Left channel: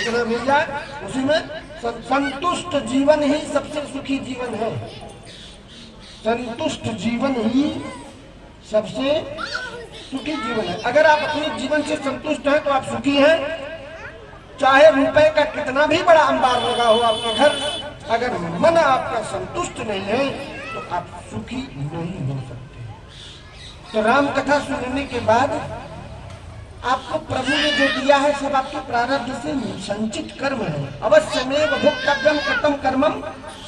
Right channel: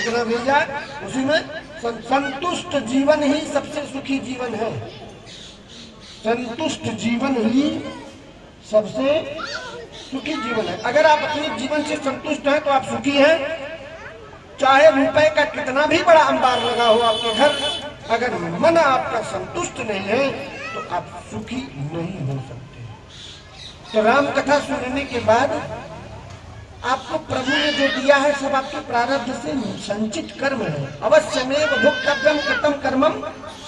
जितना मिल जाए उसी में संतुष्ट जीवन ही सबसे सुखी जीवन है। संतुष्ट जीवन ही सबसे सुखी जीवन है। अगर आप अपने जीवन से संतुष्ट हैं तो आप सुखी हैं। चाहे रुपए का कितना भी बड़ा अंबार लगा हो आपके घर, अगर मन आपका संतुष्ट नहीं है तो आप सुखी नहीं हो सकते। तो राम कथा सुनने के बाद आपको प्रभु ने जो दिया है सब आपके प्रारब्ध से संचित कर्म है। अवश्यमेव भुक्तव्यम कृतम कर्मम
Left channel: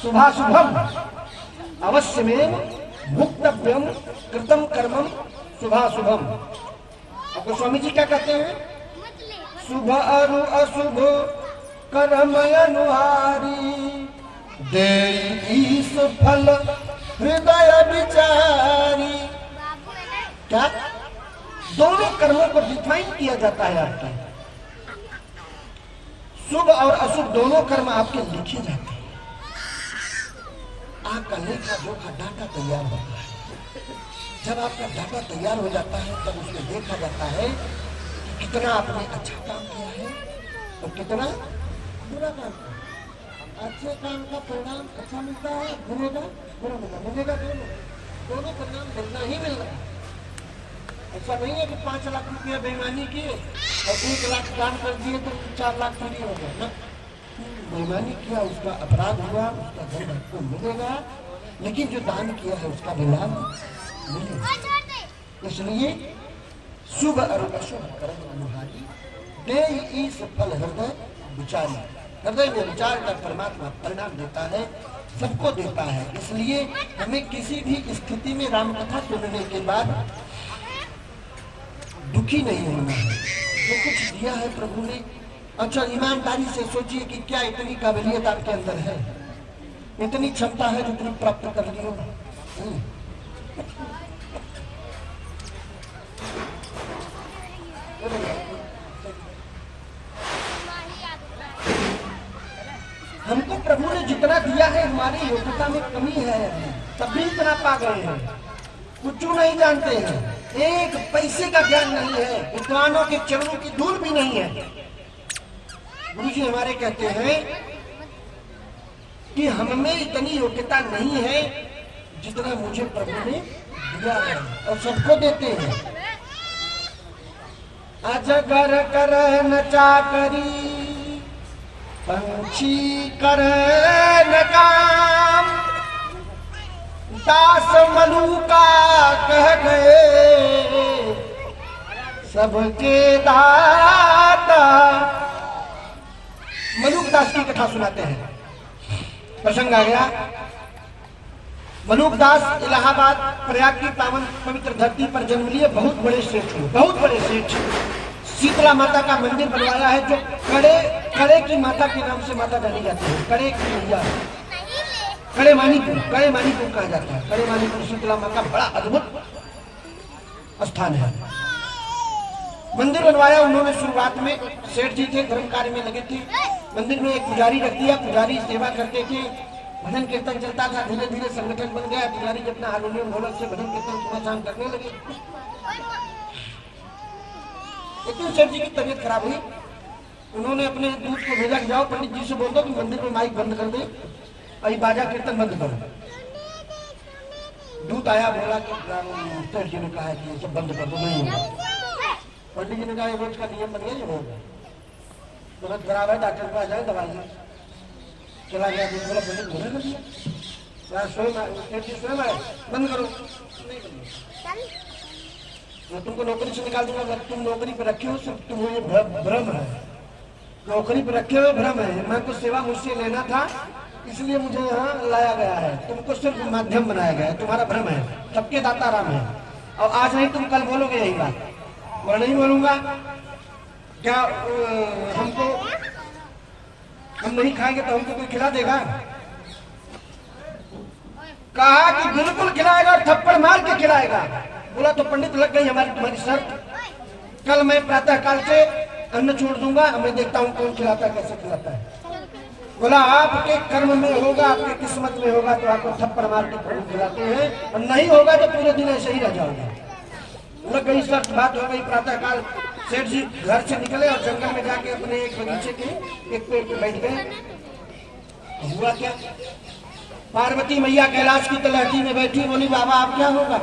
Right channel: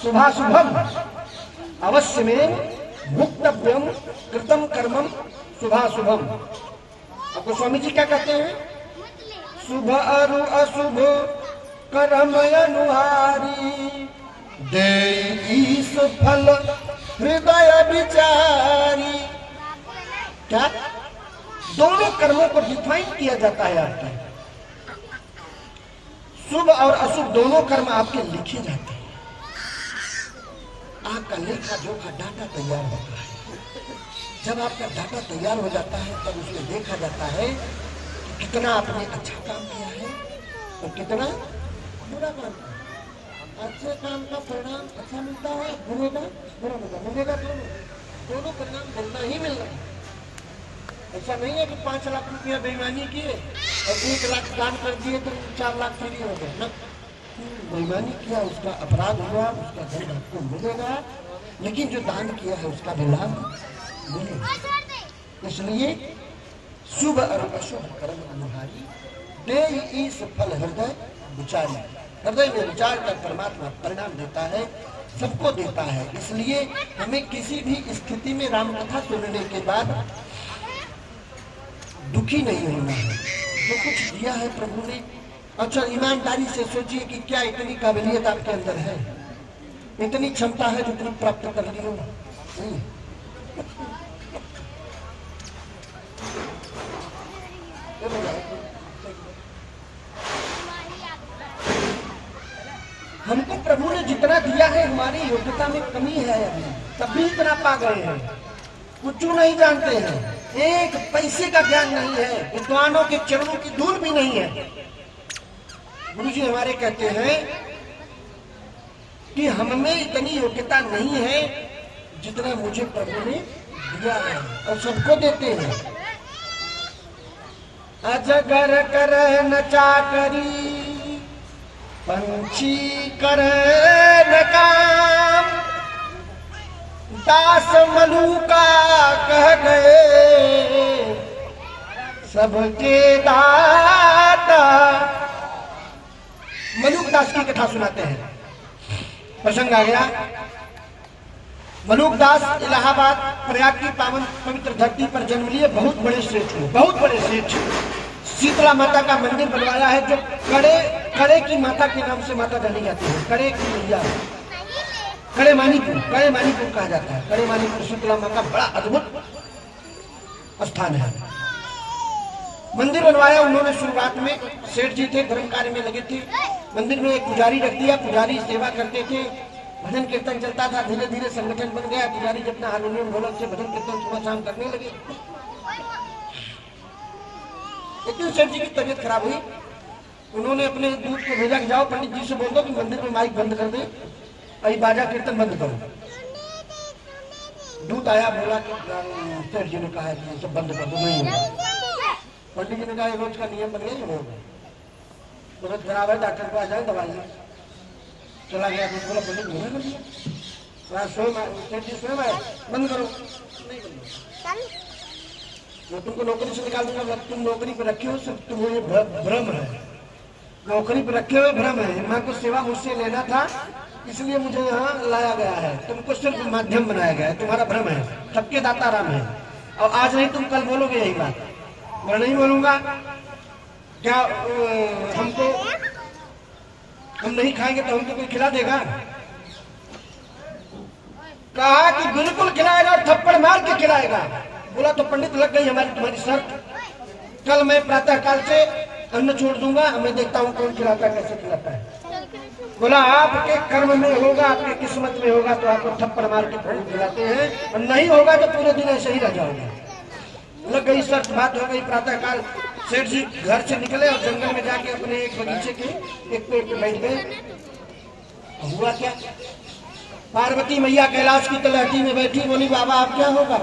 शुभाशुभम। अवश्यमेव भुक्तव्यम कृतम कर्मम शुभाशुभम। आपको स्वामी जी क्या कहते हैं? शुभ अरु अशुभ कर्म अनुहारी, देईस फल हृदय विचारी। क्या दोनों कर्मों को डिफाइन किया जाता है आपके। शुभ और अशुभ दोनों कर्म आपके लिखे जाते हैं। आपका लेखा जोखा डाटा तैयार होता है। जब आपका डाटा तैयार हो जाता है तब उसमें देखा जाता है कि कितना आपने अच्छा काम किया है और कितना बुरा काम किया। अच्छे काम का परिणाम अच्छा मिलता है, बुरे का बुरा मिलेगा। दोनों परिणाम मिलना ही मिलना है। ऐसा नहीं है कि 5 लाख रुपया बेईमानी किए और 1 लाख दान कर दिए तो 4 लाख थोड़ी हो गया ना। बेईमानी किया, उसका अपराध हुआ, उसका दंड आपको मिलेगा, लेकिन जो दान किया है उसका भी लाभ मिलेगा। इसलिए शुभ और अशुभ कर्म अनुहारी, देई फल हृदय विचारी। हृदय में विचार का परमात्मा परिणाम देता है, सबको देता है। इसलिए हमें किसी भी स्थिति में राम कथा सुनने के बाद दुखी नहीं होना है। जो कुछ दिया है प्रभु ने, अच्छा ईमानदारी से सोचिए कि क्या इतनी काबिलियत आपके अंदर है, इतनी क्षमता है जितनी प्राप्त कर ली हो। हमको प्रभु ने जितना दिया है हमारी योग्यता में कमी है, तब भी इतना पा गए हैं। कुछ नहीं जानते हैं, एक पैसे का ज्ञान नहीं है, विद्वानों के चरणों की धूल भी नहीं है। गुरु जी हमारे कहते हैं कि हमें इतनी योग्यता नहीं है जितना मुझे प्रभु ने दिया है, और सबको देते हैं। अजगर कर न चाकरी, पंछी कर न काम, दास मलूका कह गए सबके दाता। मलूक दास की कथा सुनाते हैं। प्रसंग आ गया। मलूक दास इलाहाबाद प्रयाग की पावन पवित्र धरती पर जन्म लिए बहुत बड़े सेठ हुए, बहुत बड़े सेठ। शीतला माता का मंदिर बनवाया है, जो कड़े की माता के नाम से माता जानी जाती है। कड़े की मैया, कड़े मानीपुर कहा जाता है। कड़े मानीपुर शीतला माता का बड़ा अद्भुत स्थान है। मंदिर बनवाया उन्होंने। शुरुआत में सेठ जी थे, धर्म कार्य में लगे थे। मंदिर में एक पुजारी रख दिया, पुजारी सेवा करते थे, भजन कीर्तन चलता था। धीरे धीरे संगठन बन गया। पुजारी अपना हारमोनियम ढोलक से भजन कीर्तन सुबह शाम करने लगे। लेकिन सेठ जी की तबीयत खराब हुई। उन्होंने अपने दूत को भेजा कि जाओ पंडित जी से बोल दो कि मंदिर में माइक बंद कर दे और बाजा कीर्तन बंद करो। दूत आया, बोला कि सेठ जी ने कहा कि सब बंद कर दो, नहीं होगा। पंडित जी ने कहा रोज का नियम बन गया, होगा। तुरंत खराब है, डॉक्टर के पास जाए, दवाई चला गया। बोला पंडित नहीं कर दिया, सेठ जी स्वयं आए, बंद करो। नहीं बंद, मैं तुमको नौकरी से निकाल दूंगा। मैं तुम नौकरी पर रखे हो, सिर्फ तुम्हें भ्रम है, नौकरी पर रखे हुए भ्रम है। मैं कुछ सेवा मुझसे लेना था, इसलिए मुझे यहाँ लाया गया है। तुमको सिर्फ माध्यम बनाया गया है, तुम्हारा भ्रम है। सबके दाता राम है। और आज नहीं तुम कल बोलोगे यही बात। मैं नहीं बोलूंगा। क्या हम नहीं खाएंगे तो हमको कोई खिला देगा? कहा कि बिल्कुल खिलाएगा, थप्पड़ मार के खिलाएगा। बोला तो पंडित लग गई हमारी तुम्हारी शर्त। कल मैं प्रातः काल से अन्न छोड़ दूंगा, मैं देखता हूँ कौन खिलाता है, कैसे खिलाता है। बोला आपके कर्म में होगा, आपकी किस्मत में होगा तो आपको थप्पड़ मार के प्रभु खिलाते हैं, और नहीं होगा तो पूरे दिन ऐसे ही रह जाओगे। लग गई शर्त, बात हो गई। प्रातः काल सेठ जी घर से निकले और जंगल में जाके अपने एक बगीचे के एक पेड़ पे बैठ गए। हुआ क्या, पार्वती मैया कैलाश की तलहटी में बैठी, बोली बाबा अब क्या होगा?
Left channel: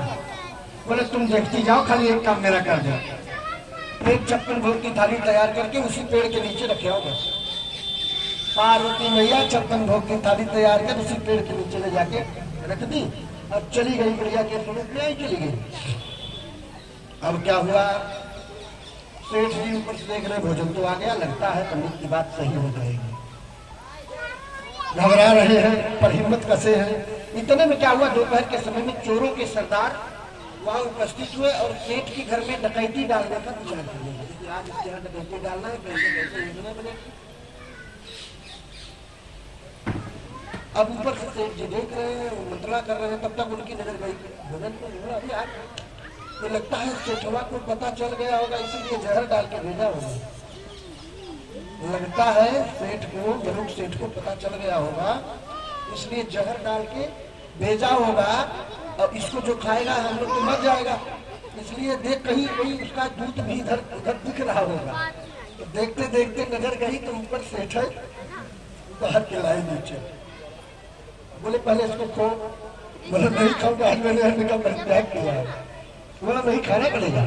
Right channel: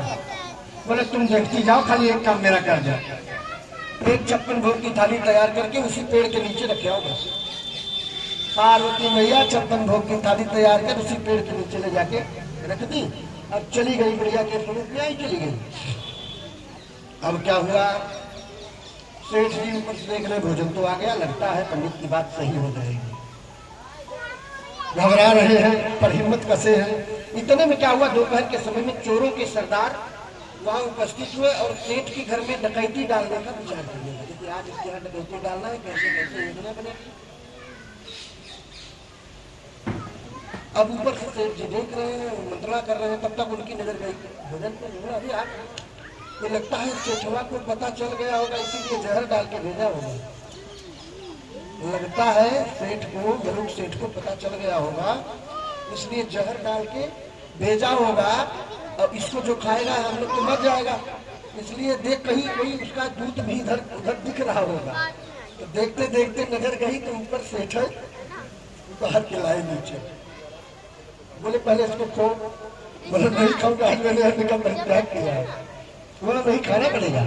बोले तुम देखती जाओ, खाली एक काम मेरा कर दो। एक 56 भोग की थाली तैयार करके उसी पेड़ के नीचे रखे हो बस। पार्वती मैया 56 भोग की थाली तैयार कर उसी पेड़ के नीचे ले जाके रख दी। अब चली गई प्रिया के स्वरूप में ही चली गई। अब क्या हुआ, सेठ जी ऊपर से देख रहे भोजन तो आ गया, लगता है पंडित की बात सही हो जाएगी। घबरा रहे हैं पर हिम्मत कसे हैं। इतने में क्या हुआ, दोपहर के समय में चोरों के सरदार वहां उपस्थित हुए और सेठ के घर में डकैती डालने का विचार करने लगे कि आज इसके यहाँ डकैती डालना है, कैसे कैसे योजना बनेगी। अब ऊपर से सेठ जी देख रहे हैं, मंत्रणा कर रहे हैं, तब तक उनकी नजर गई भोजन पे। अभी आप तो लगता है सेठवा को पता चल गया होगा, इसीलिए जहर डाल के भेजा होगा। लगता है सेठ को, जरूर सेठ को पता चल गया होगा, इसलिए जहर डाल के भेजा होगा। और इसको जो खाएगा हम लोग तो मर जाएगा, इसलिए देख कहीं कोई उसका दूध भी इधर उधर दिख रहा होगा। तो देखते देखते नजर गई तो ऊपर सेठ है, बाहर के लाए नीचे। बोले पहले इसको खो। बोले नहीं खाऊंगा, आज मैंने निकल त्याग किया है। बोला नहीं खाना पड़ेगा।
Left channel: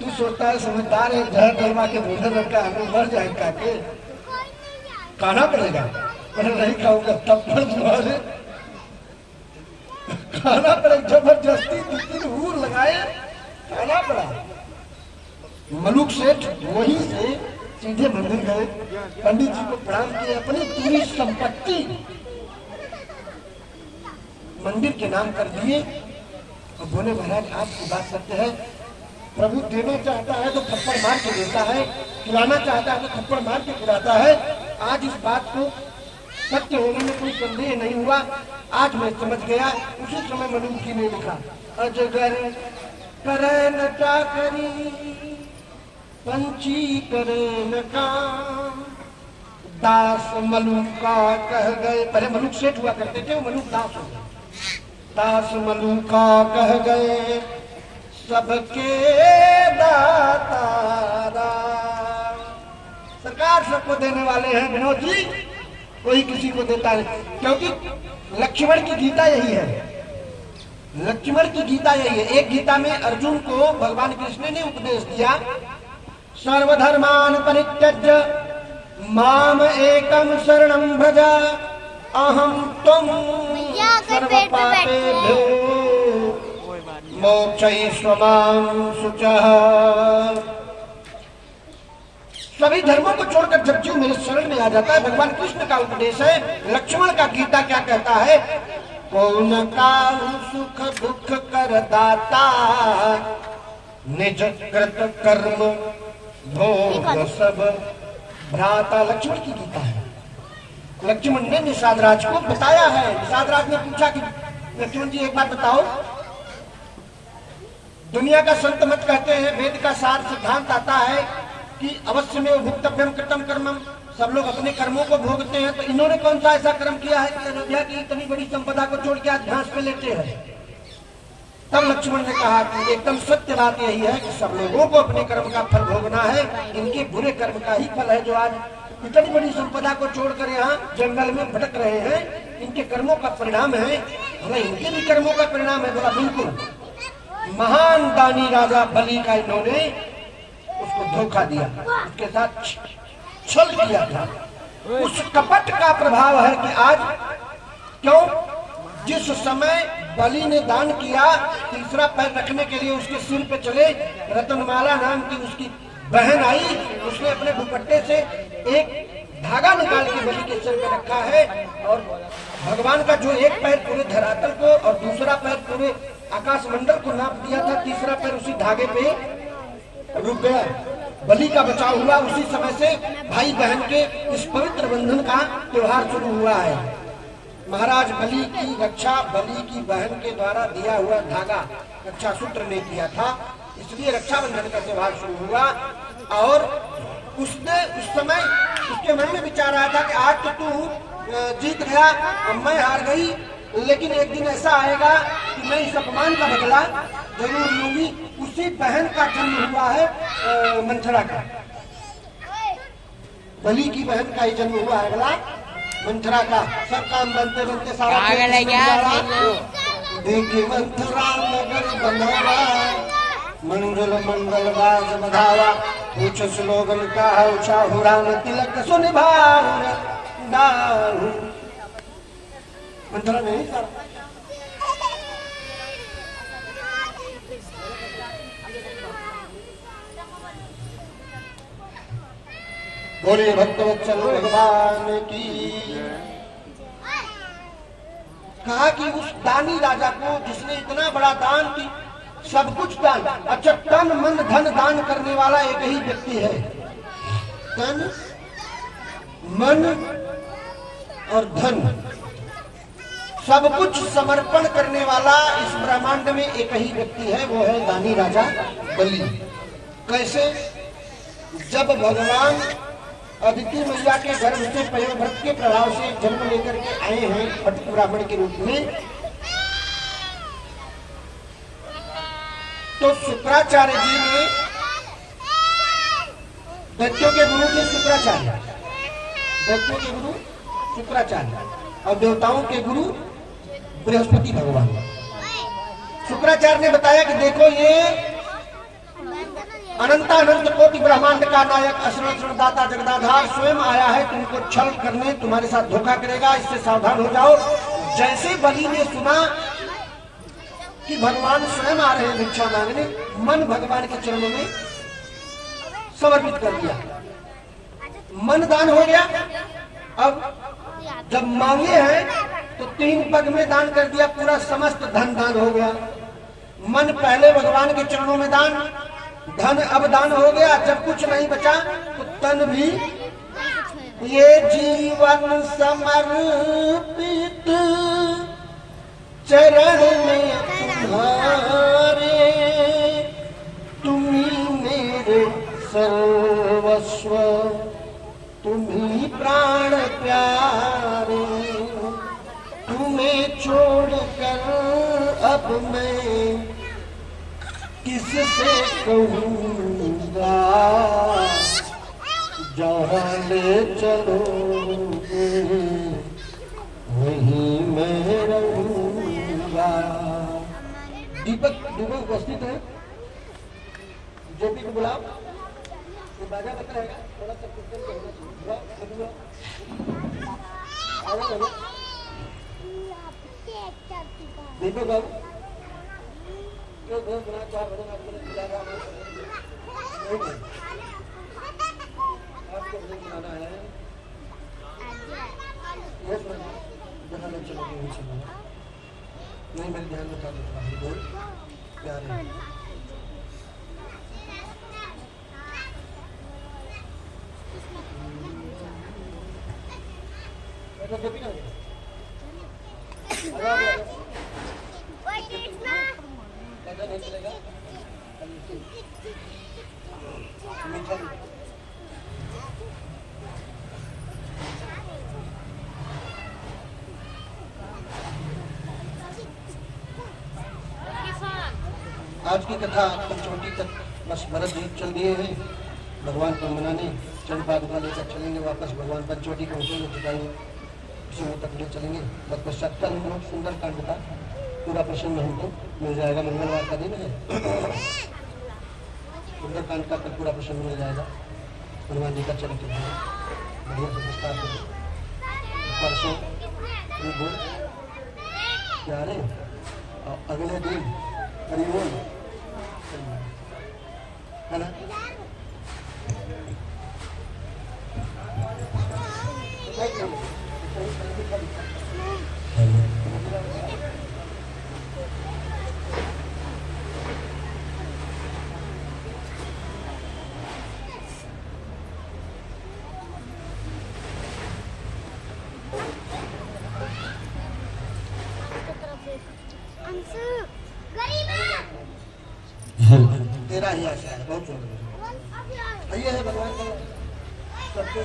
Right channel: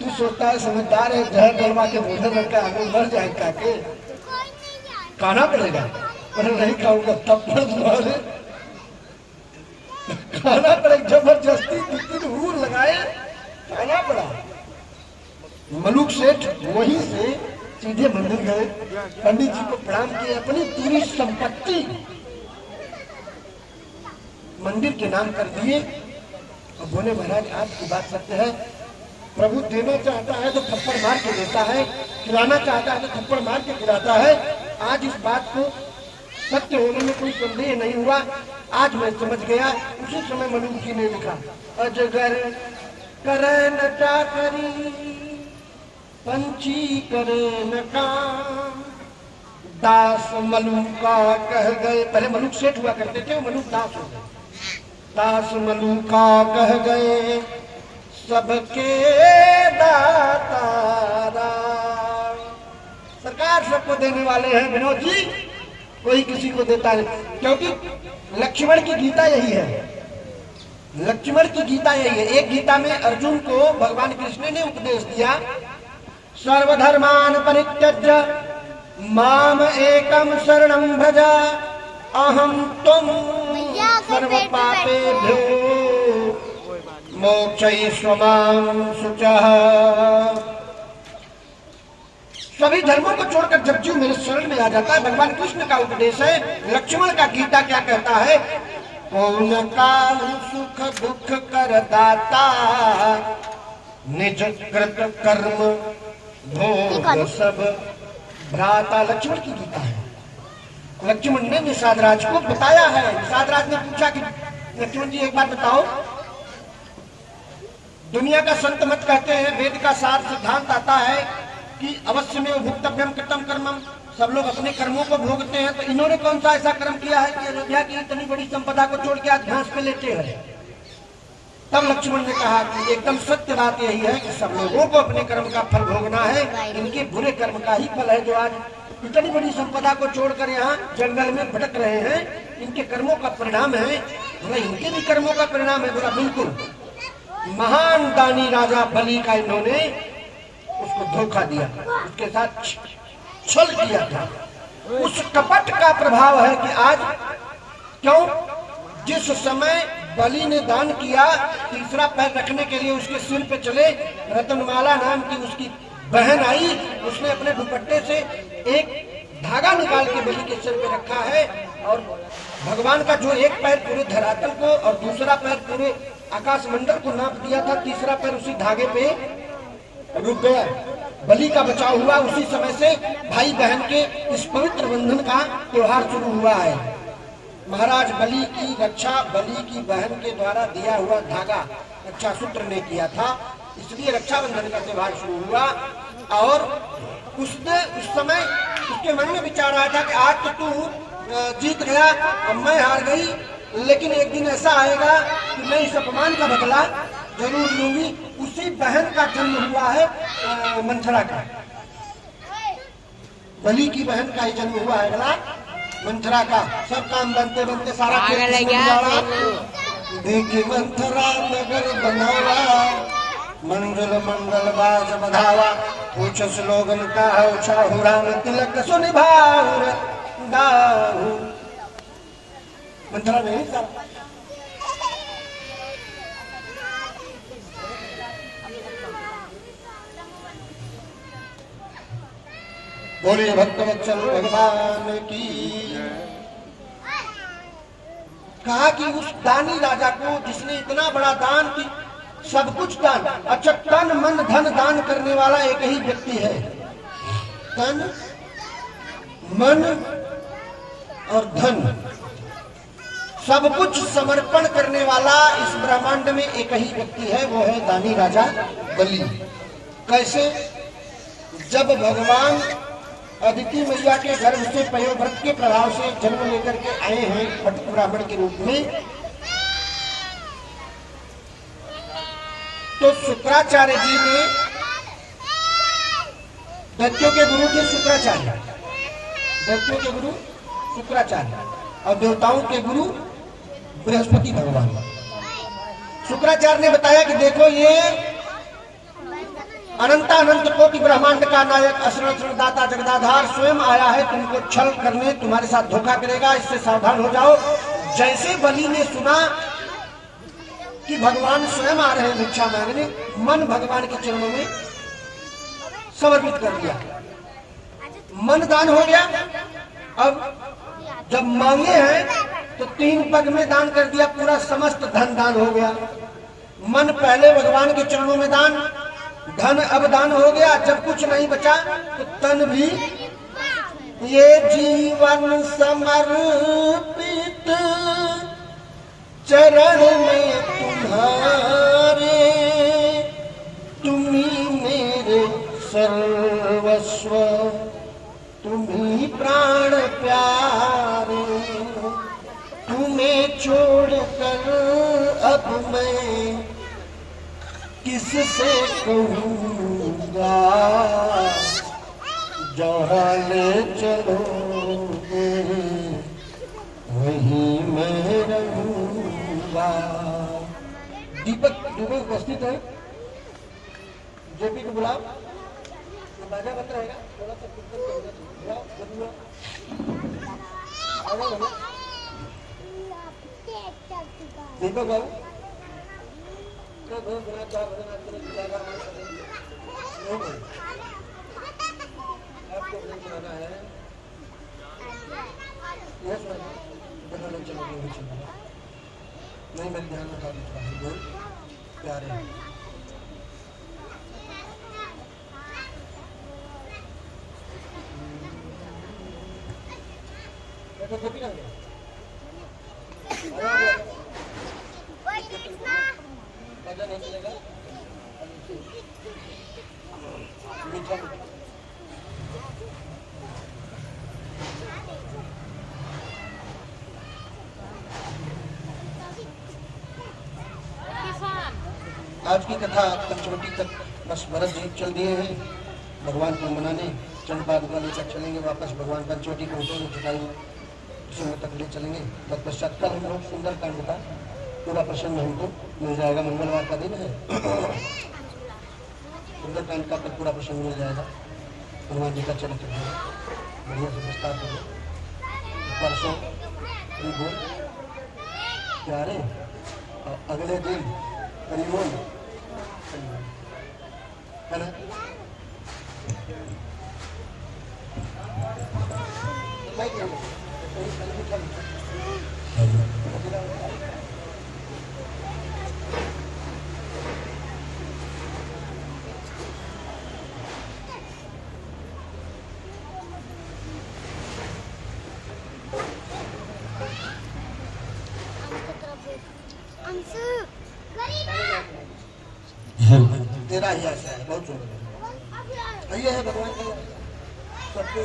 तू सोचता है समझदार है, जहर डलवा के भोजन रखता है, हमें मर जाए काके, खाना पड़ेगा। बोले नहीं खाऊंगा, तब तुम्हारे खाना पड़ेगा। जबरदस्ती 2-3 हूर लगाए, खाना पड़ा। मलुक सेठ वहीं से सीधे मंदिर गए, पंडित जी को प्रणाम किए, अपनी पूरी संपत्ति मंदिर के नाम कर दिए। अब बोले महाराज आपकी बात सत्य है, प्रभु देना चाहता है तो थप्पड़ मार के देता है, खिलाना चाहता है तो थप्पड़ मार के खिलाता है। आज इस बात को सत्य होने में कोई संदेह नहीं हुआ, आज मैं समझ गया। उसी समय मनुष्य जी ने लिखा, अजगर करे न चाकरी, पंछी करे न काम, दास मलूका कह गए। पहले मलूक सेठ हुआ करते थे, मलूक दास हो गए। दास मलूका कह गए सबके दातारा। सरकार सबको देने वाले हैं विनोद जी, कोई किसी को देता है, क्योंकि लक्ष्मण की गीता यही है। लक्ष्मण की गीता यही है। एक गीता में अर्जुन को भगवान कृष्ण ने उपदेश दिया, सर्वधर्मान परित्यज्य माम एकम शरणं भज, अहम तुम सर्व पापेभ्यो मोक्षयिष्यामि शुचः। सभी धर्मों को छोड़कर जब जीव मेरे शरण में आ जाता है, भगवान कृष्ण का उपदेश है। लक्ष्मण का गीता क्या कहता है, कौन का सुख दुख कर दाता, निज कृत कर्म भोग सब भ्राता। लक्ष्मण की गीता है। लक्ष्मण ने निषाद राज को बताया है। निषाद राज ने पूछा कि लक्ष्मण जी एक बात बताओ, दुनिया का संत मत कहते हैं, वेद का सार सिद्धांत आता है कि अवश्य में भुक्तव्यम कृतम कर्मम, सब लोग अपने कर्मों को भोगते हैं, तो इन्होंने कौन सा ऐसा कर्म किया है कि अयोध्या की इतनी बड़ी संपदा को छोड़ के आज घास पे लेटे हैं। तब लक्ष्मण ने कहा कि एकदम सत्य बात यही है कि सब लोगों को अपने कर्म का फल भोगना है, इनके बुरे कर्म का ही फल है जो आज इतनी बड़ी संपदा को छोड़कर यहाँ जंगल में भटक रहे हैं, इनके कर्मों का परिणाम है। इनके भी कर्मों का परिणाम है। बोला बिल्कुल, महान दानी राजा बलि का इन्होंने उसको धोखा दिया, उसके साथ छल किया था। उस कपट का प्रभाव है कि आज क्यों, जिस समय बलि ने दान किया, तीसरा पैर रखने के लिए उसके सिर पे चले, रतनमाला नाम की उसकी बहन आई, उसने अपने दुपट्टे से एक धागा निकाल के बलि के सिर पे रखा है, और भगवान का जो एक पैर पूरे धरातल को और दूसरा पैर पूरे आकाश मंडल को नाप दिया था, तीसरा पैर उसी धागे पे रुक गया। बलि का बचाव हुआ। उसी समय से भाई बहन के इस पवित्र बंधन का त्योहार शुरू हुआ है। महाराज बलि की रक्षा बलि की बहन के द्वारा दिया हुआ धागा रक्षा सूत्र ने किया था, इसलिए रक्षाबंधन का त्योहार शुरू हुआ। और उसने उस समय उसके मन में विचार आया था कि आज तो तू जीत गया, अब मैं हार गई, लेकिन एक दिन ऐसा आएगा कि मैं इस अपमान का बदला जरूर लूंगी। उसी बहन का जन्म हुआ है मंथरा का, बलि की बहन का ही जन्म हुआ है बला मंथरा का। सब काम बनते बनते सारा देखी मंथरा नगर बनावा, मंगल मंगल बाज बधावा, पूछ स्लोगन का चाहुरान तिलक सुनिभाऊ मंथरा नहीं था। बोलिए भक्तवत्सल भगवान की। कहा कि उस दानी राजा को जिसने इतना बड़ा दान की, सब कुछ दान, अच्छा तन मन धन दान करने वाला एक ही व्यक्ति है। तन मन और धन सब कुछ समर्पण करने वाला इस ब्रह्मांड में एक ही व्यक्ति है, वो है दानी राजा बलि। कैसे? जब भगवान अदिति मैया के गर्भ से पयोव्रत के प्रभाव से जन्म लेकर के आए हैं फटक ब्राह्मण के रूप में, तो शुक्राचार्य जी ने, दैत्यों के गुरु थे शुक्राचार्य, दैत्यों के गुरु शुक्राचार्य और देवताओं के गुरु बृहस्पति भगवान। शुक्राचार्य ने बताया कि देखो ये अनंतानंत कोटि ब्रह्मांड का नायक असरण दाता जगदाधार स्वयं आया है तुमको छल करने, तुम्हारे साथ धोखा करेगा, इससे सावधान हो जाओ। जैसे बलि ने सुना कि भगवान स्वयं आ रहे हैं भिक्षा मांगने, मन भगवान के चरणों में समर्पित कर दिया, मन दान हो गया। अब जब मांगे हैं तो 3 पग में दान कर दिया, पूरा समस्त धन दान हो गया। मन पहले भगवान के चरणों में दान, धन अब दान हो गया। जब कुछ नहीं बचा तो तन भी, ये जीवन समर्पित चरण में तुम्हारे, तुम्ही मेरे सर्वस्व, तुम्ही प्राण प्यारे, तुम्हें छोड़कर अब मैं किससे कहूँगा, जहाँ ले चलोगे वहीं मैं रहूँगा। दीपक दुबे उपस्थित है, जेपी को बुलाओ, बाजा बत रहेगा, थोड़ा सा कीर्तन करना चाहिए। दीपक बाबू आपको बनाना है, नहीं मेरे ध्यान में था बोल क्या रहे नहीं चलेगा। आज की कथा पंचवटी तक बस भरत जी चल दिए हैं भगवान को मनाने, चंद पादुका लेकर चलेंगे वापस भगवान पंचवटी पहुँचेंगे, जुटाई तक ले चलेंगे। तत्पश्चात कल हम लोग सुंदर कांड का पूरा प्रसन्न हमको मिल जाएगा, मंगलवार का दिन है, सुंदर कांड का कल पूरा प्रसन्न मिल जाएगा। हनुमान जी का चरित्र बढ़िया से विस्तार करें। परसों बोल प्यारे और अगले दिन करीबोल है ना। तेरा ही आशा है, बहुत सुंदर है। ये है भगवान का सबको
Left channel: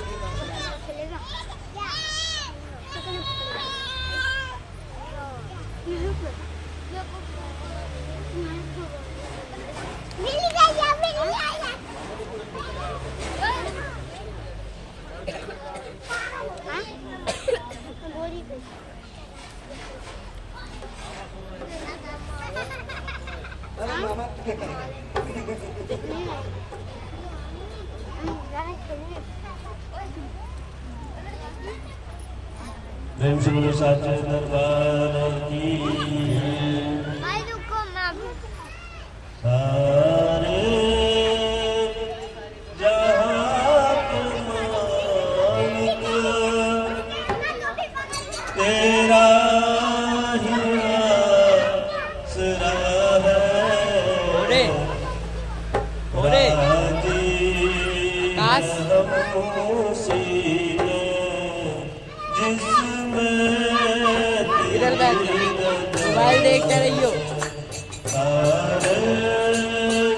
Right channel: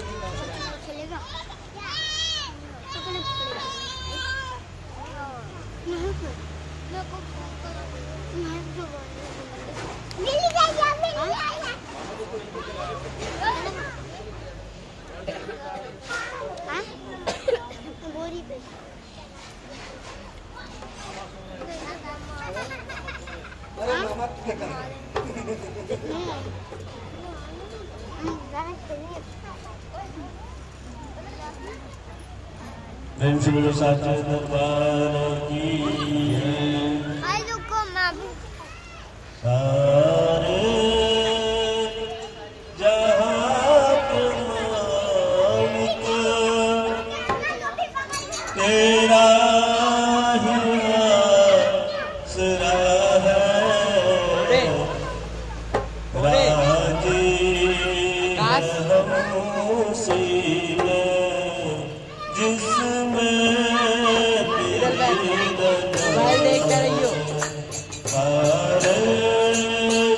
नहीं प्रेम से बोलो साचे दरबार की। सारे जहां मालिक तेरा ही आसरा है। राजी हमसे जिसमें मोबाइल देखते रहियो। सारे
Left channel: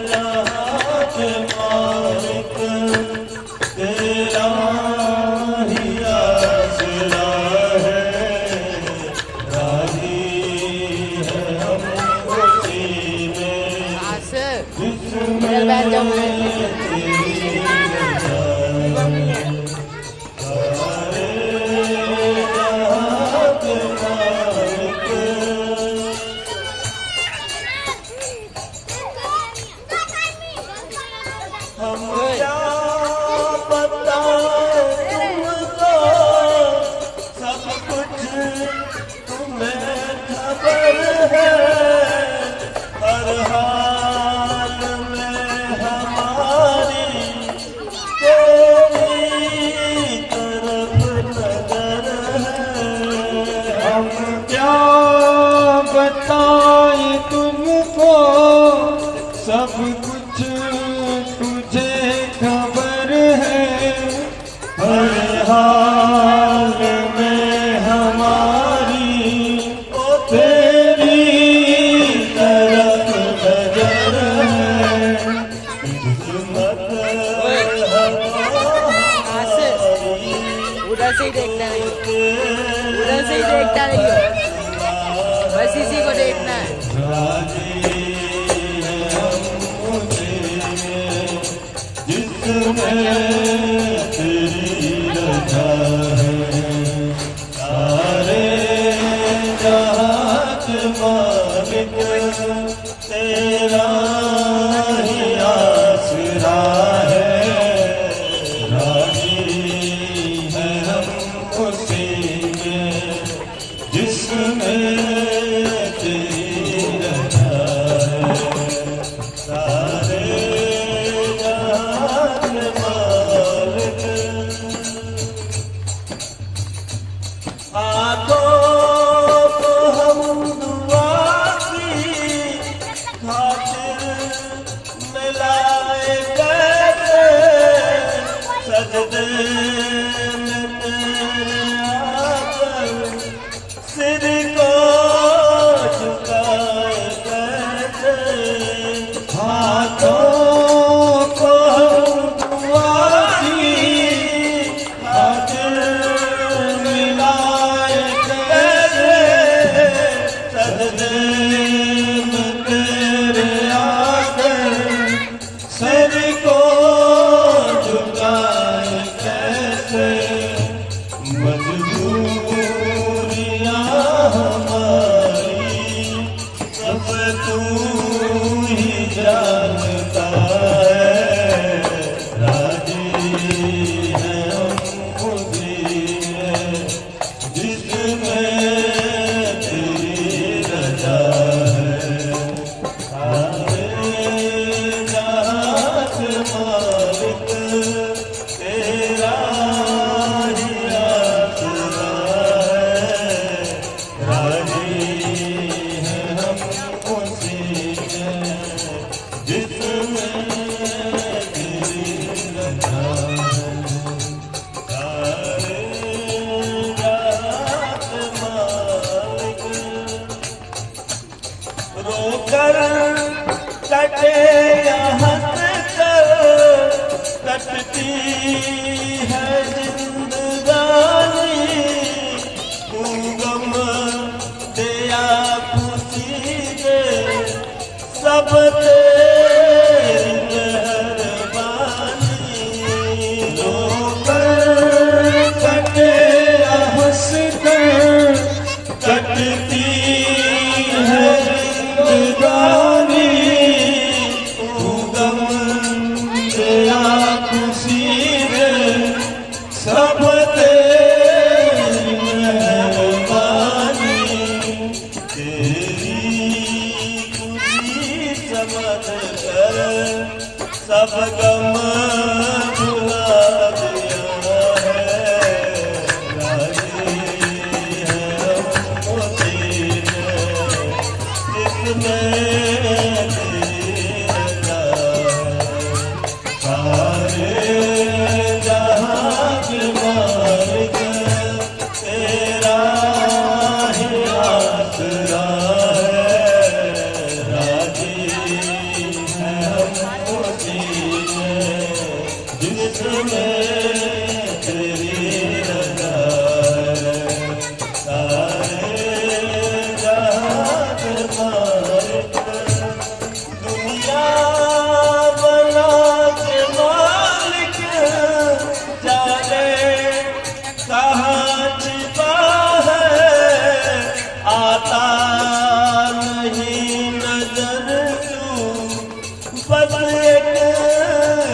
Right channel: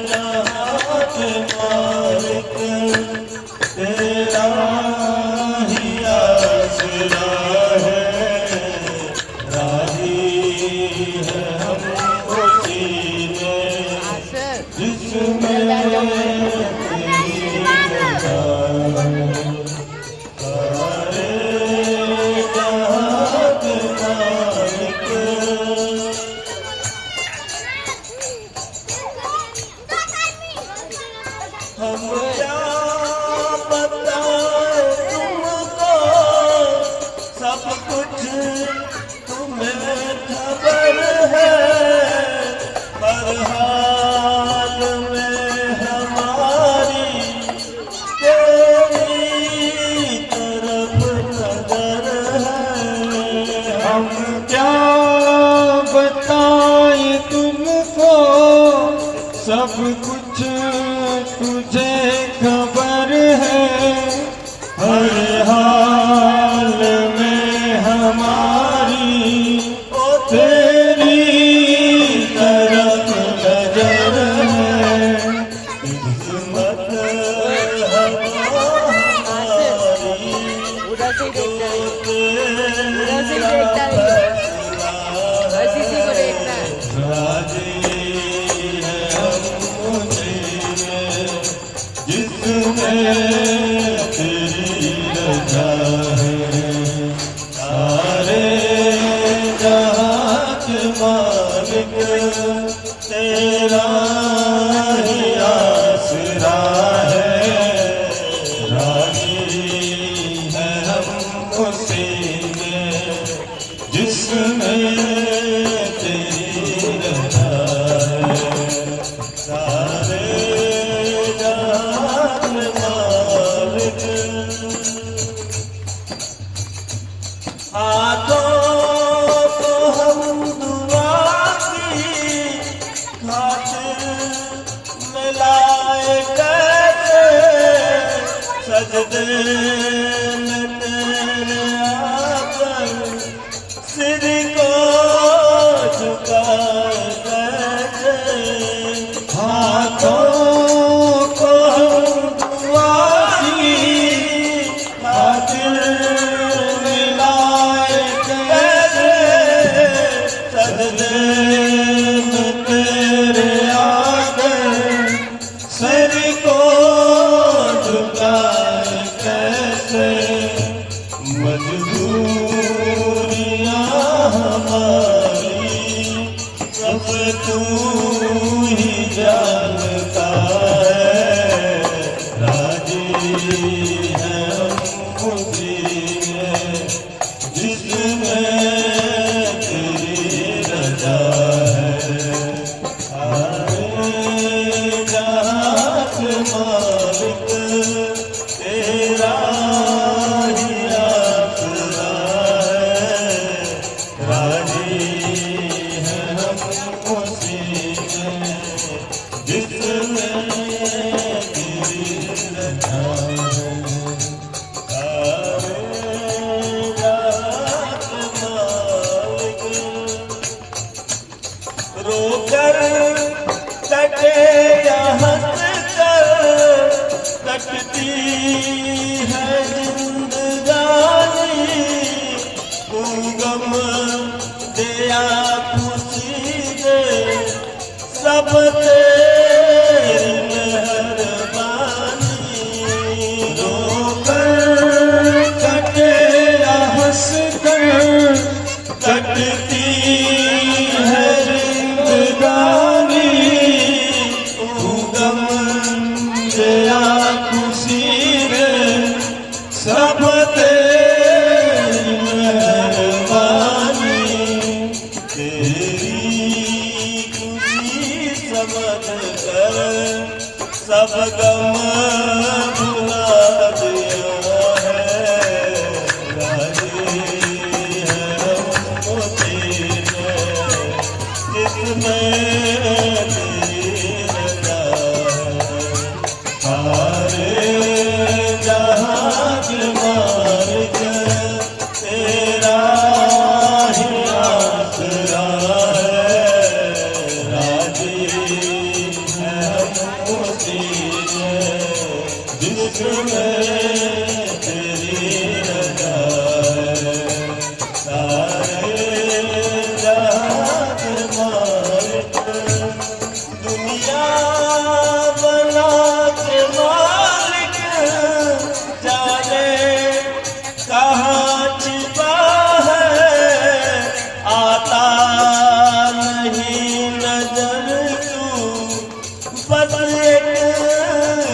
जहां के मालिक तेरा ही आसरा है। राजी है हम उसी में जिसमें हम क्या बताओ तुमको, सब कुछ तुम्हें खबर है। हर हाल में हमारी तेरी तरफ नजर है। हम क्या बताएं तुमको, सब कुछ तुझे खबर है। हर हाल में हमारी तेरी तरफ नजर है। किस्मत हमारी उधर से ही देखना है, उधर से ही देखता रहिए, बस इसी को देखना है। राजी है हम उसी में जिसमें तेरी रजा है। सारे जहां के मालिक तेरा ही आसरा है। राजी है हम उसी में जिसमें तेरी रजा है। सारे जहां के मालिक हाथों को हम दुआ की खातिर मिलाए कैसे। सजदे में तेरे आकर सिर को झुकाए कैसे। हाथों को हम दुआ की खातिर मिलाए कैसे। सजदे में तेरे आकर सिर को झुकाए कैसे। मजबूरियां हमारी सब तू ही जानता है। राजी है हम उसी में जिसमें तेरी रजा है। सारे जहां के मालिक तेरा ही आसरा है। राजी है हम उसी में जिसमें तेरी रजा है। सारे जहां के मालिक रोकर कटे या हंस कर कटती है जिंदगानी। तू गम दे या खुशी दे सब तेरी मेहरबानी। रोकर कटे या हंस कर कटती है जिंदगानी। तू गम दे या खुशी दे सब तेरी मेहरबानी। गम भुला दिया है, राजी है मोती ने, इसमें सारे जहाज मार के तेरा ही आसरा है, राजी है मोती ने, जिसमें तेरी रजा है, सारे जहाज मार के दुनिया बना के मालिक जाने कहाँ छिपा है, आता नहीं नजर तू, बस एक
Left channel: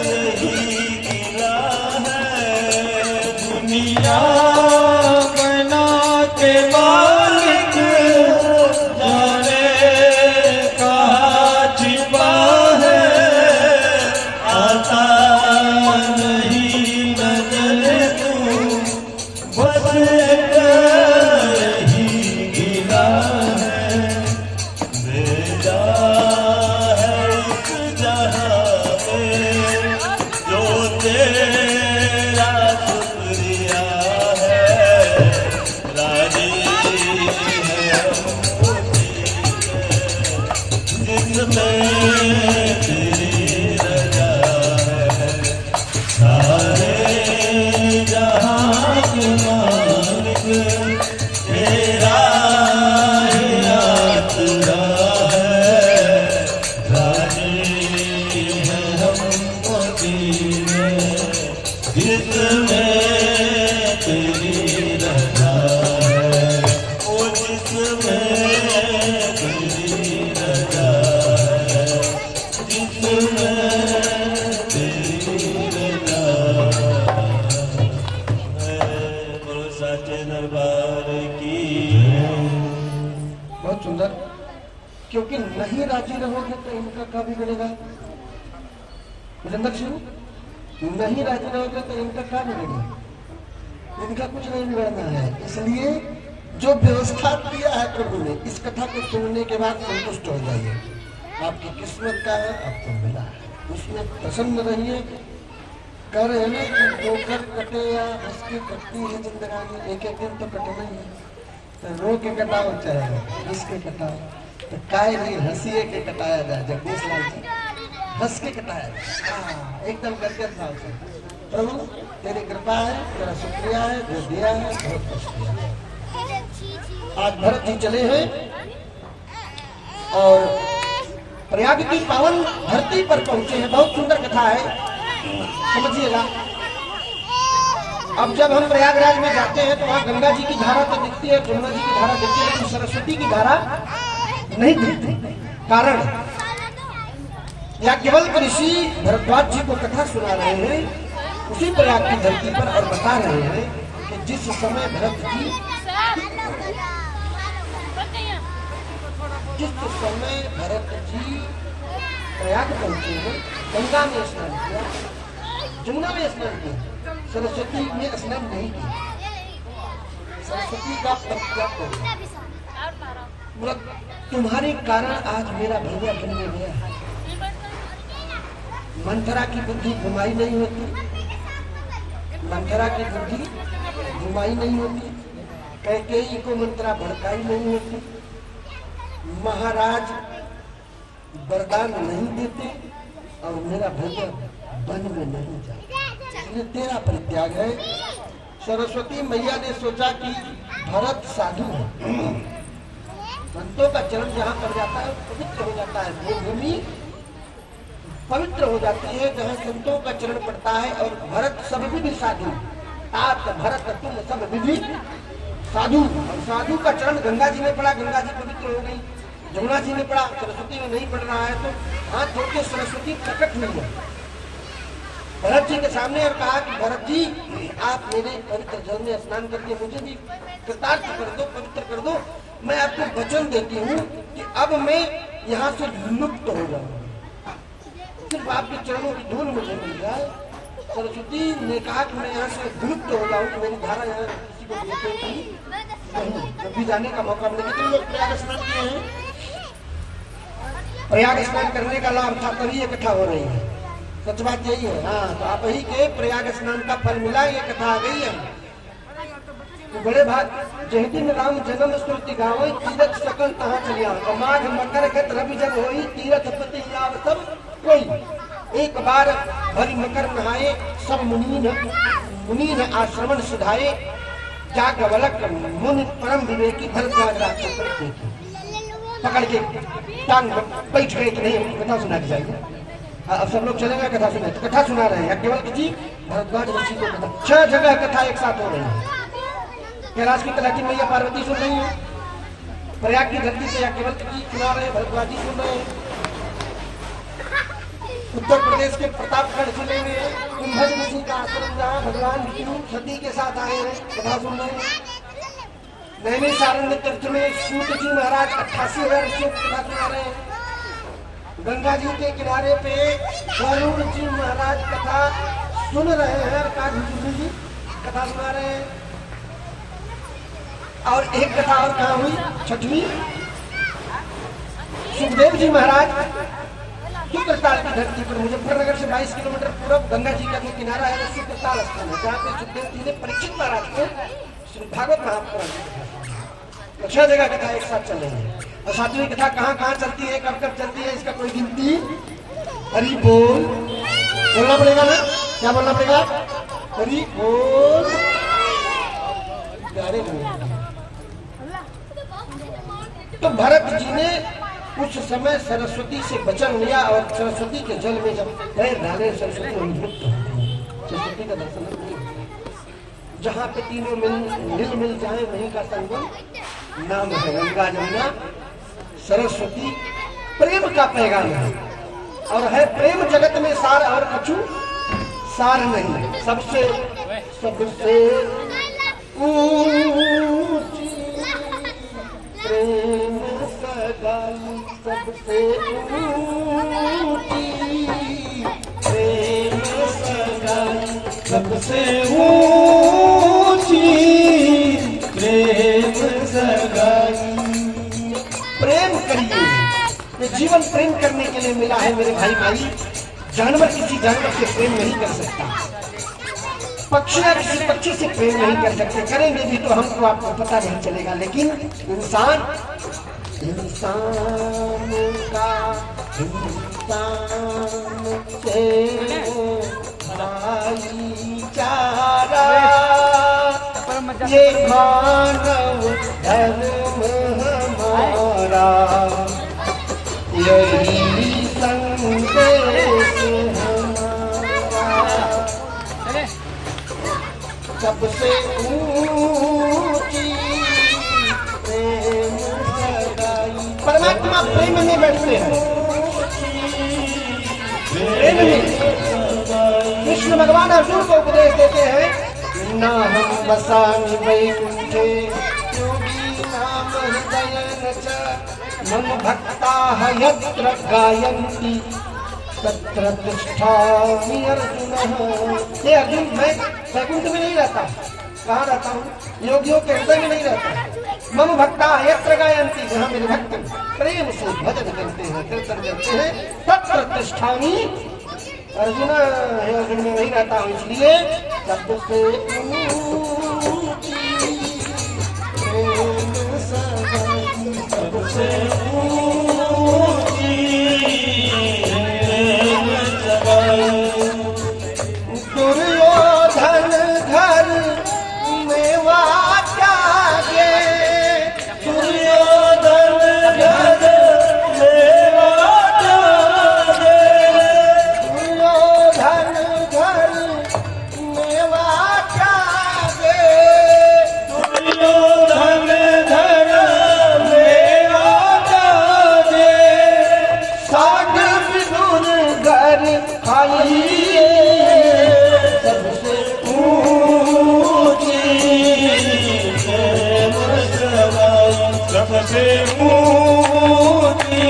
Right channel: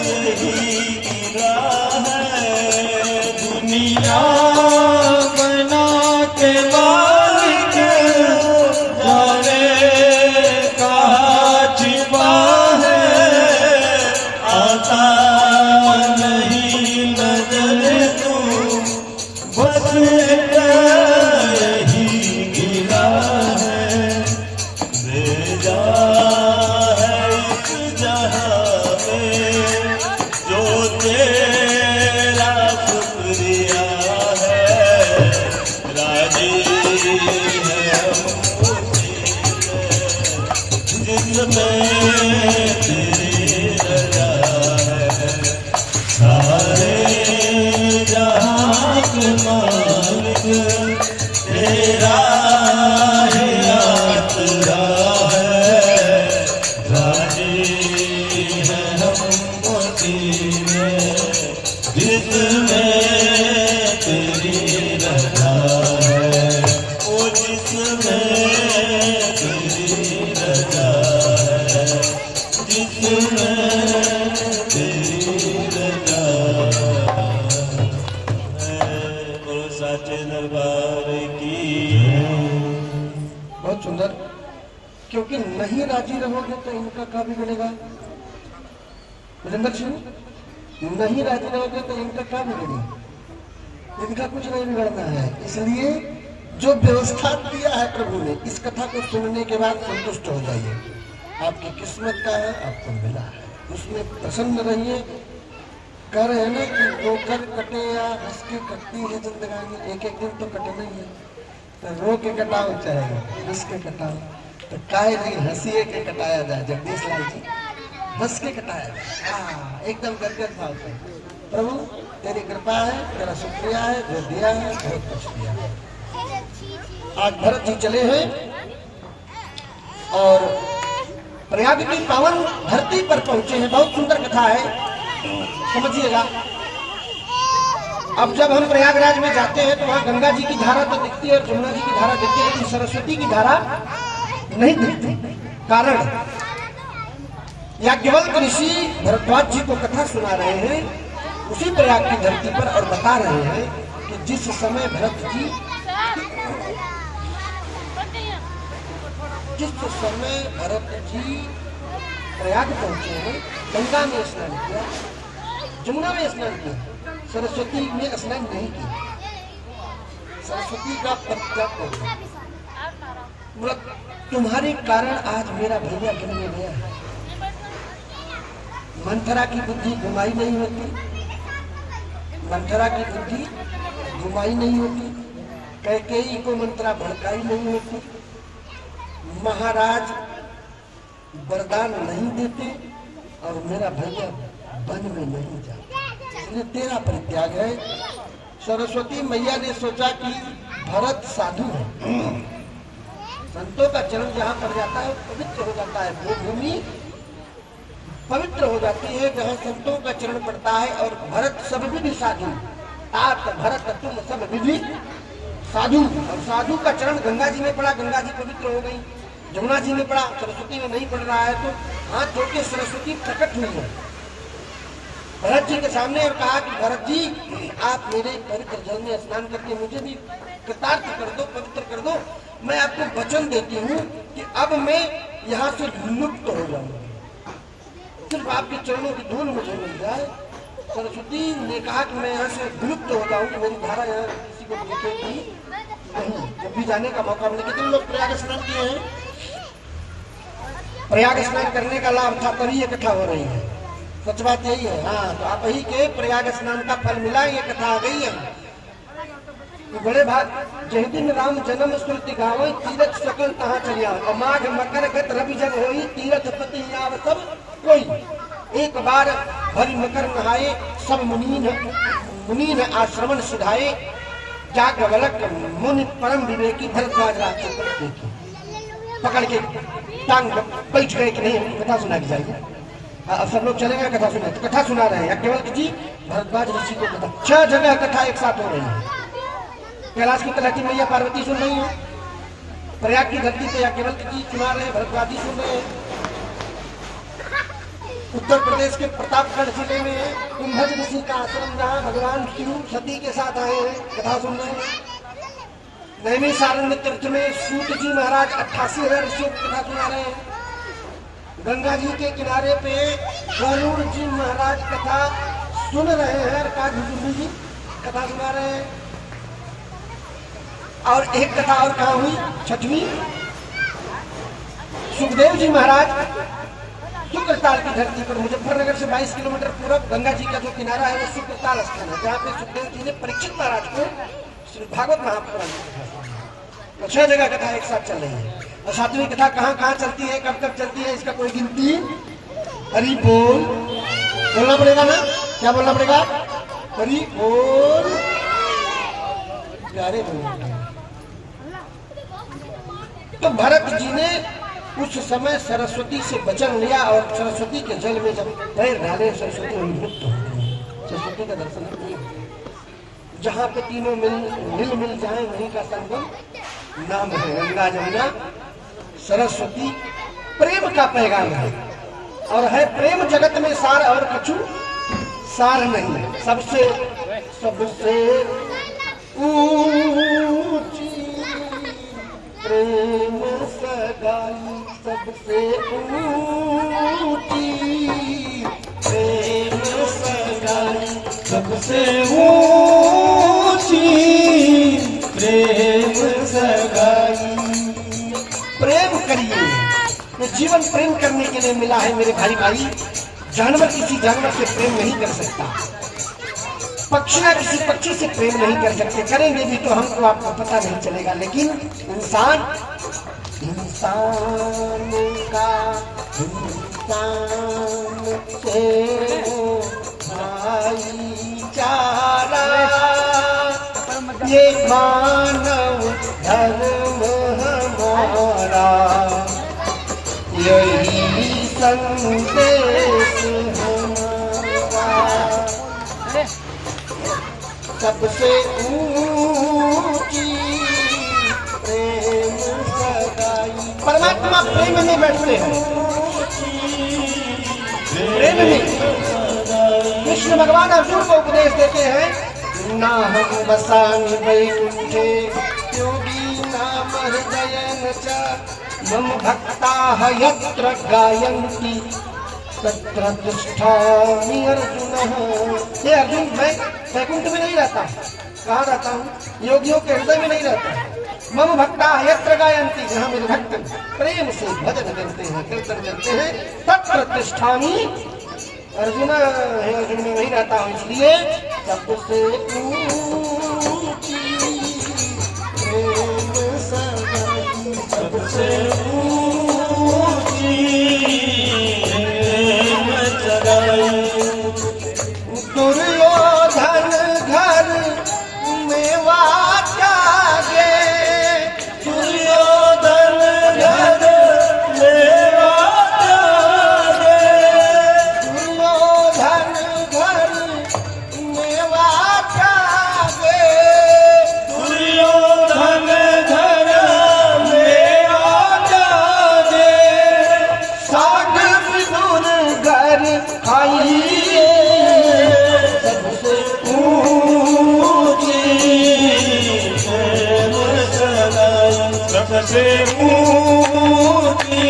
यही गिरा है, दुनिया बना के मालिक जाने कहाँ छिपा है, आता नहीं नजर तू, बस एक यही गिला है, भेजा है इस जहां में जो तेरा शुक्रिया है, राजी है मोती ने, जिसमें तेरी रजा है, सारे जहां के मालिक तेरा ही आसरा है, राजी है हम मोती में, जिसमें तेरी रजा है, ओ जिसमें तेरी रजा है, जिसमें तेरी रजा है, बोलो साचे दरबार की। बहुत सुंदर। क्योंकि नहीं राजी रहोगे तो इनका क्या बिगड़ेगा? विजेंद्र सिंह, नहीं राजी रहोगे तो इनका क्या बिगड़ेगा? इनका कुछ नहीं बिगड़ना है। इसलिए जो व्यवस्था दिया है प्रभु ने, इस कथा को सुनने के बाद संतुष्ट हो जाइए। आपकी किस्मत का है, आपको मिला है, उसमें प्रसन्न रहिए। कह रहे हैं ना कि रोकर कटे या हंस के कटती है जिंदगानी, एक एक दिन तो कटना ही है। तो रो के कटाओ चाहे हंस के कटाओ, तो काय नहीं हंसिए के कटाया जाए। जगदीश लाल जी, हंस के कटाया जाए, एकदम गदगद भाव से। प्रभु तेरी कृपा है, तेरा शुक्रिया है, जो दिया है बहुत कुछ दिया है। आज भरत जी चले हैं और प्रयाग की पावन धरती पर पहुंचे हैं। बहुत सुंदर कथा है, समझिएगा। अब जब हम प्रयागराज में जाते हैं तो वहाँ गंगा जी की धारा तो दिखती है, जमुना जी की धारा दिखती है, लेकिन सरस्वती की धारा नहीं दिखती। कारण याज्ञवल्क्य ऋषि भरद्वाज जी को कथा सुना रहे हैं उसी प्रयाग की धरती पर, और बता रहे हैं कि जिस समय भरत जी प्रयाग पहुंचे हैं, गंगा में स्नान किया, जमुना में स्नान किया, सरस्वती में स्नान नहीं किया। सरस्वती का त्याग हो गया। तुम्हारे कारण आज मेरा भैया बन में गया। मंथरा की बुद्धि घुमाई नहीं होती, मंथरा की बुद्धि घुमाई नहीं होती, कैकेयी को मंत्रा भड़काई नहीं होती, महाराज वरदान नहीं देते, और मेरा भैया वन में नहीं जाता। ये तेरा परित्याग है। सरस्वती मैया ने सोचा कि भरत साधु है, संतों का चरण जहाँ पर जाता है वो पवित्र हो जाता है, वो भूमि पवित्र हो जाती है जहाँ संतों का चरण पड़ता है। और भरत सब विधि साधु, तात भरत तुम सब विधि साधु। और साधु का चरण गंगा जी में पड़ा, गंगा जी पवित्र हो गई। जमुना जी में पड़ा, सरस्वती में नहीं पड़ रहा है, तो हाथ धो के सरस्वती प्रकट हुई है भरत जी के सामने और कहा कि भरत जी आप मेरे पवित्र जल में स्नान करके मुझे भी कृतार्थ कर दो, पवित्र कर दो। मैं आपको वचन देती हूँ कि अब मैं यहाँ से विमुक्त हो जाऊंगा। सिर्फ आपके चरणों की धूल मुझे मिल जाए। सरस्वती ने कहा कि मैं यहाँ से विलुप्त हो जाऊँ, मेरी धारा यहाँ किसी को दिखेगी नहीं, कभी जाने का मौका मिले। कितने लोग प्रयाग स्नान किए हैं? प्रयाग स्नान करने का लाभ था तभी ये कथा हो रही है। सच बात यही है। हाँ, तो आप ही के प्रयाग स्नान का फल मिला, ये कथा आ गई है। तो बड़े भाग जही दिन राम जन्म स्मृति गावे, तीरथ सकल तहाँ चलिया। और माघ मकर गत रवि जब होई, तीरथ पति आव सब कोई। एक बार भरी मकर नहाए, सब मुनीन आश्रमण सुधाए। जागवलक मुनि परम विवेकी, भरद्वाज राज पकड़ के टांग बैठ गए कि नहीं कथा सुना दी जाएगी। अब सब लोग चलेंगे कथा सुना, कथा सुना रहे हैं केवल जी भरद्वाज ऋषि को कथा। 6 जगह कथा एक साथ हो रही है। कैलाश की तलहटी मैया पार्वती सुन रही है, प्रयाग की धरती पे केवल जी सुना रहे हैं, भरद्वाज जी सुन रहे हैं। उत्तर प्रदेश के प्रतापगढ़ जिले में कुंभज ऋषि का आश्रम, जहाँ भगवान शिव सती के साथ आए हैं, कथा सुन रहे हैं। नैमिषारण्य तीर्थ में सूत जी महाराज 88,000 ऋषियों की कथा सुना रहे हैं। गंगा जी के किनारे पे गरुड़ जी महाराज कथा सुन रहे हैं, काजी जी कथा सुना रहे हैं। और एक कथा और कहाँ हुई, 6वीं, सुखदेव जी महाराज शुक्रताल की धरती पर, मुजफ्फरनगर से 22 किलोमीटर पूर्व गंगा जी का जो किनारा है वो शुक्रताल स्थान है, जहाँ पे सुखदेव जी ने परीक्षित महाराज को श्री भागवत महापुराण। तो 6 जगह कथा एक साथ चल रही है। और 7वीं कथा कहाँ कहाँ चलती है, कब कब चलती है, इसका कोई गिनती। हरि बोल बोलना पड़ेगा ना, क्या बोलना पड़ेगा? हरि बोल प्यारे बोल। तो भरत जी ने कुछ समय सरस्वती से वचन लिया और सरस्वती के जल में जब पैर डाले, सरस्वती उन्मुक्त हो गई। सरस्वती का दर्शन किया। जहाँ पे तीनों मिल जाए वहीं का संगम नाम है गंगा जमुना सरस्वती। प्रेम का पैगाम है और है प्रेम जगत में सार और कछु सार नहीं। सबसे ऊंची प्रेम सगाई, सबसे ऊंची प्रेम सगाई, सबसे ऊंची प्रेम सगाई। प्रेम करिए, ये जीवन प्रेम करने के लिए मिला है मेरे भाई। जानवर किसी जानवर से प्रेम नहीं कर सकता, पक्षियां किसी पक्षी से प्रेम नहीं कर सकते। करेंगे भी तो हमको आपको पता नहीं चलेगा। लेकिन इंसान का इंसान से भाईचारा, ये मानव धर्म हमारा, यही संदेश हमारा। सबसे ऊंची प्रेम सगाई। परमात्मा प्रेम में बैठते हैं, प्रेम में। कृष्ण भगवान अर्जुन को उपदेश देते हैं, ना हम बसामि वैकुंठे योगी नाम हृदय न च, मम भक्ताः यत्र गायन्ति तत्र तिष्ठामि अर्जुन। ये अर्जुन, मैं वैकुंठ में नहीं रहता, कहाँ रहता हूँ? योगियों के हृदय में नहीं रहता। मम भक्ताः यत्र गायन्ति, जहाँ मेरे भक्त प्रेम से भजन करते हैं, कीर्तन करते हैं, तत्र तिष्ठामि अर्जुन। है अर्जुन में वही रहता हूँ। इसलिए सबसे ऊंची प्रेम सगाई, सबसे ऊंची दुर्योधन घर मेवा त्यागे, दुर्योधन घर मेवा त्यागे, दुर्योधन घर मेवा त्यागे, दुर्योधन घर मेवा त्यागे, साग विदुर घर खाई। सबसे ऊंची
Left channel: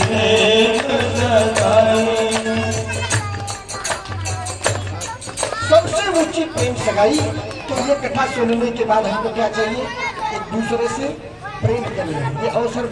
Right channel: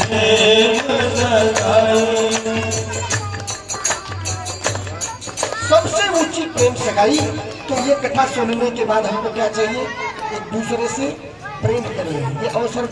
प्रेम सगाई। सबसे ऊंची प्रेम सगाई। तो ये कथा सुनने के बाद हमको क्या चाहिए, एक दूसरे से प्रेम करें। ये अवसर